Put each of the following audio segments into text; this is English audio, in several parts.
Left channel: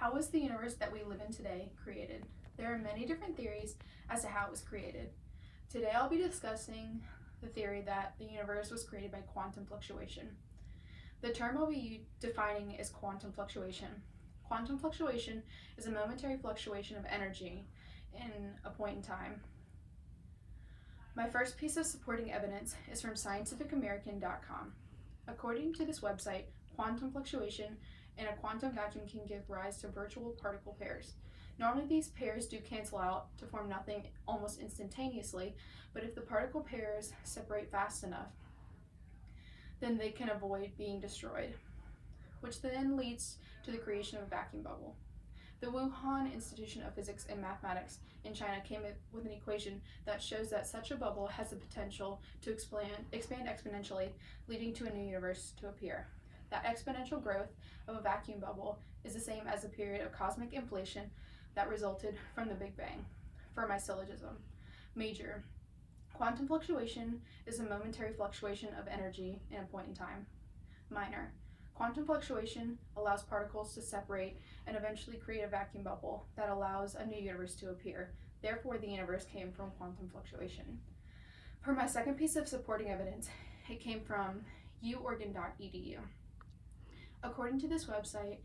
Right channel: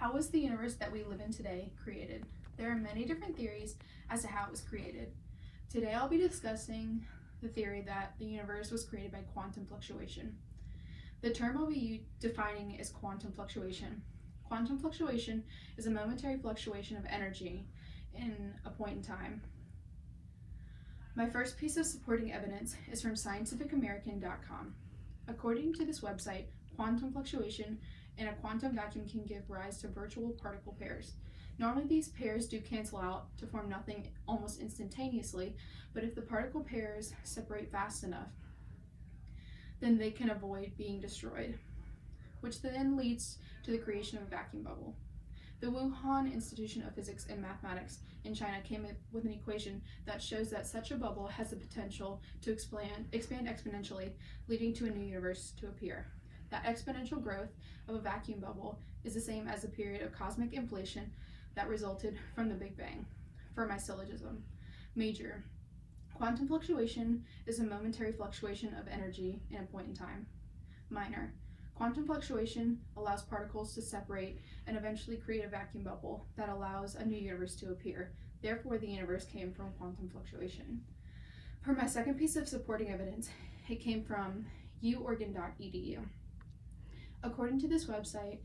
How was the universe that we live in today created? There are many different theories as to how it was created. Today I'll be discussing the theory that the universe was created by quantum fluctuation. The term I'll be defining is quantum fluctuation. Quantum fluctuation is a momentary fluctuation of energy in a point in time. My first piece of supporting evidence is from scientificamerican.com. According to this website, quantum fluctuation in a quantum vacuum can give rise to virtual particle pairs. Normally these pairs do cancel out to form nothing almost instantaneously, but if the particle pairs separate fast enough, then they can avoid being destroyed, which then leads to the creation of a vacuum bubble. The Wuhan Institution of Physics and Mathematics in China came up with an equation that shows that such a bubble has the potential to expand exponentially, leading to a new universe to appear. That exponential growth of a vacuum bubble is the same as the period of cosmic inflation that resulted from the Big Bang. For my syllogism, major. Quantum fluctuation is a momentary fluctuation of energy in a point in time. Minor. Quantum fluctuation allows particles to separate and eventually create a vacuum bubble that allows a new universe to appear. Therefore, the universe came from quantum fluctuation. For my second piece of supporting evidence, it came from uoregon.edu. According to this website,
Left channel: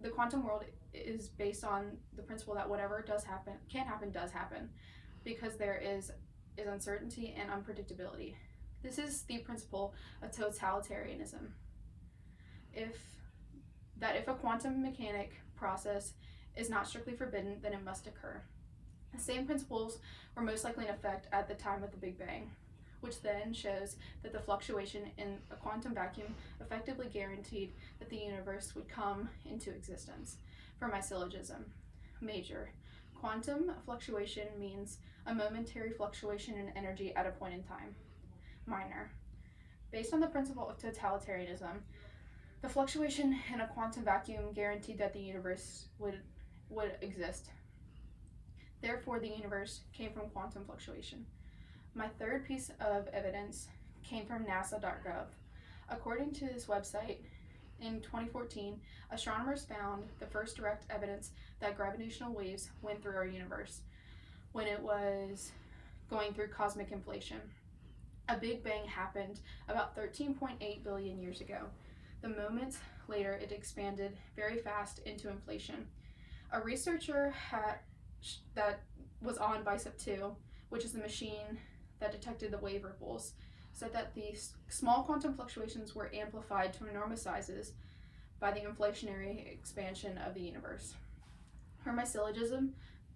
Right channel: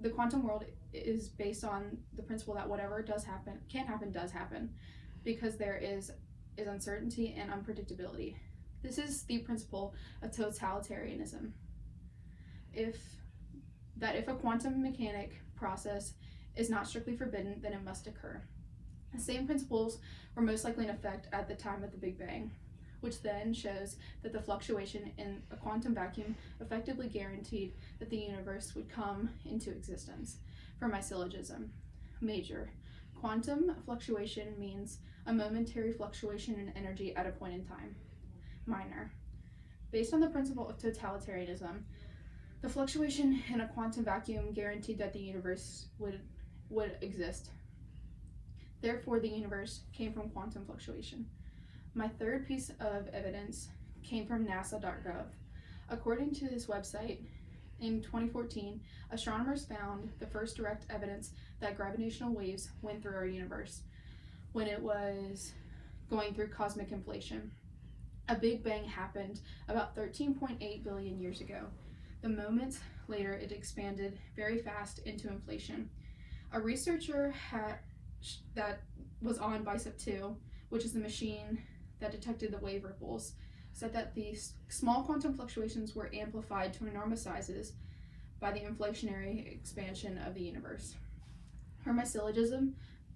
the quantum world is based on the principle that whatever can happen, because there is uncertainty and unpredictability. This is the principle of totalitarianism. If a quantum mechanic process is not strictly forbidden, then it must occur. The same principles were most likely in effect at the time of the Big Bang, which then shows that the fluctuation in a quantum vacuum effectively guaranteed that the universe would come into existence. For my syllogism, major. Quantum fluctuation means a momentary fluctuation in energy at a point in time. Minor. Based on the principle of totalitarianism, the fluctuation in a quantum vacuum guaranteed that the universe would exist. Therefore, the universe came from quantum fluctuation. My third piece of evidence came from nasa.gov. According to this website, in 2014, astronomers found the first direct evidence that gravitational waves went through our universe when it was going through cosmic inflation. A Big Bang happened about 13.8 billion years ago. The moment later, it expanded very fast into inflation. A researcher that was on BICEP2, which is the machine that detected the wave ripples, said that these small quantum fluctuations were amplified to enormous sizes by the inflationary expansion of the universe. For my syllogism,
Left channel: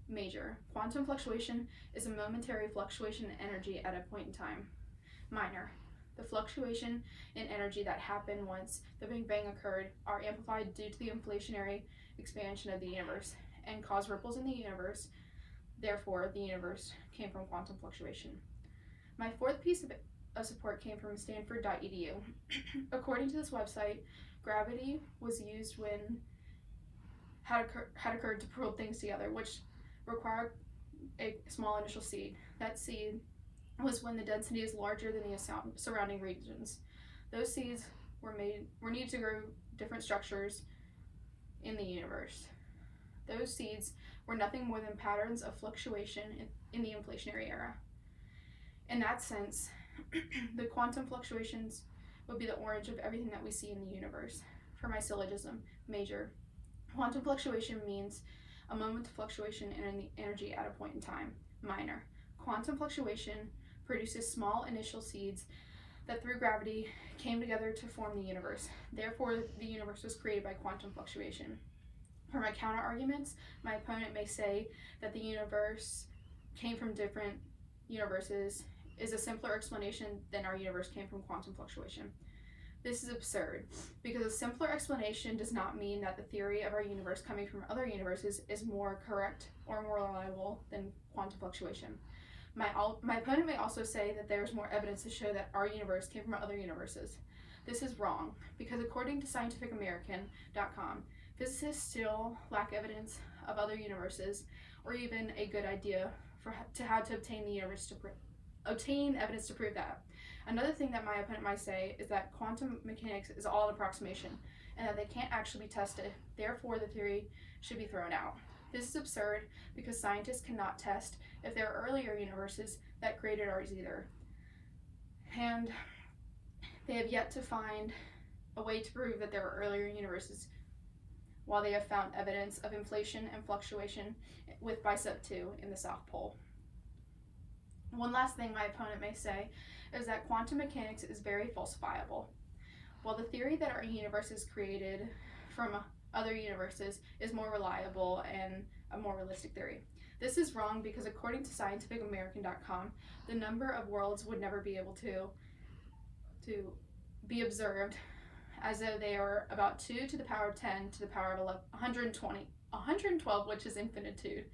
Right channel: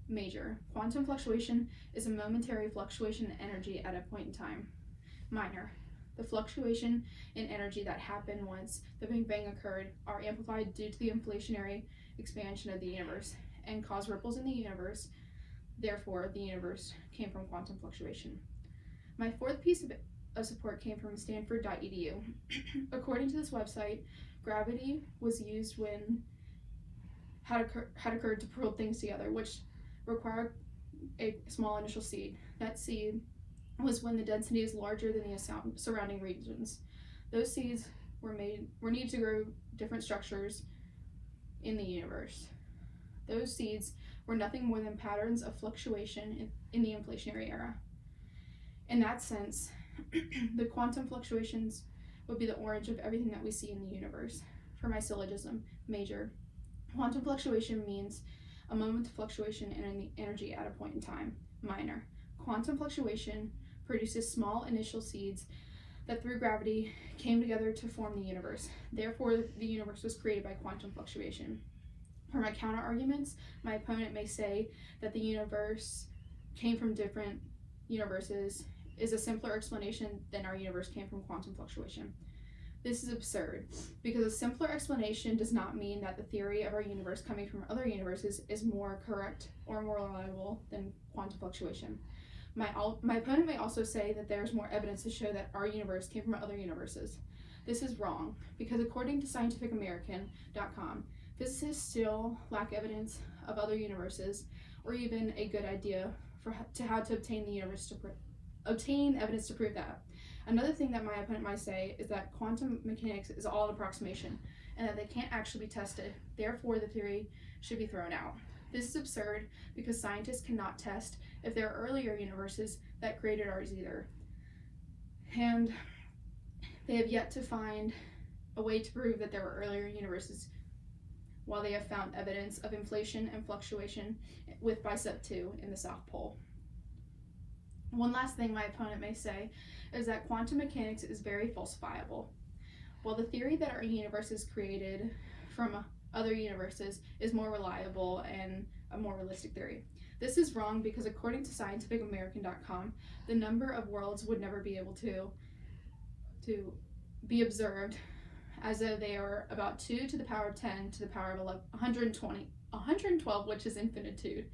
major. Quantum fluctuation is a momentary fluctuation in energy at a point in time. Minor. The fluctuation in energy that happened once the Big Bang occurred are amplified due to the inflationary expansion of the universe and cause ripples in the universe. Therefore, the universe came from quantum fluctuation. My fourth piece of support came from stanford.edu. According to this website, gravity was used when had occurred to pull things together, which required a small initial seed. That seed was when the density is larger than the surrounding regions. Those seeds were needed to grow different structures in the universe. Those seeds were nothing more than patterns of fluctuation in the inflationary era. In that sense, the quantum fluctuations would be the orange of everything that we see in the universe. For my syllogism, major. Quantum fluctuation means a moment of fluctuation in energy at a point in time. Minor. Quantum fluctuation produces small initial seeds that through gravity came together to form the universe. Therefore, the universe was created by quantum fluctuation. For my counter arguments, my opponent may say that the universe came from different universes is a simpler explanation than our universe came from quantum fluctuation. This is absurd, because a simpler explanation does not mean that the theory of our universe coming from other universes is more correct or more reliable than quantum fluctuation. My opponent may also say that there's more evidence to show that our universe came from other universes. This is wrong, because according to scientificamerican.com, physicists still lack evidence of other universes, or even a good idea to how to obtain evidence to prove that. Another thing that my opponent might say is that quantum mechanics is all approximation and that they can't actually be tested. Therefore, the theory should be thrown out. This is absurd because scientists cannot test if there are earlier universes that created ours either. And they have yet to find a way to prove that there were earlier universes, while they have found evidence of inflation and fluctuation with bicep 2 in the South Pole. One last thing my opponent may say is that quantum mechanics is very falsifiable. While the theory that our universe is created from other universes is more reliable and a more realistic theory, this is wrong because according to scientificamerican.com, the number of worlds would never be able to be observed, as though they are about 2 to the power of 10 to the power of 112, which is infinitude,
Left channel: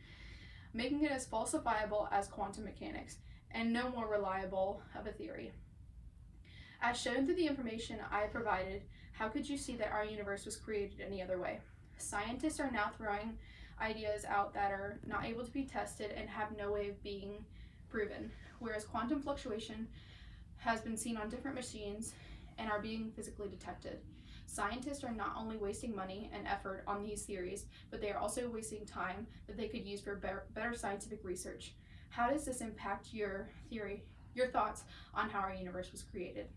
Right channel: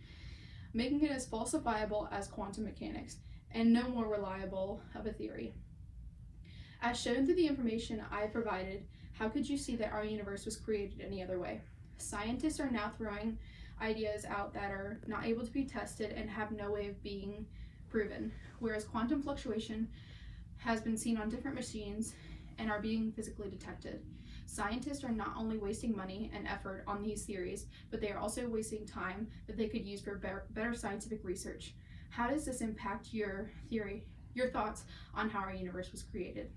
making it as falsifiable as quantum mechanics and no more reliable of a theory. As shown through the information I provided, how could you see that our universe was created any other way? Scientists are now throwing ideas out that are not able to be tested and have no way of being proven, whereas quantum fluctuation has been seen on different machines and are being physically detected. Scientists are not only wasting money and effort on these theories, but they are also wasting time that they could use for better scientific research. How does this impact your thoughts on how our universe was created?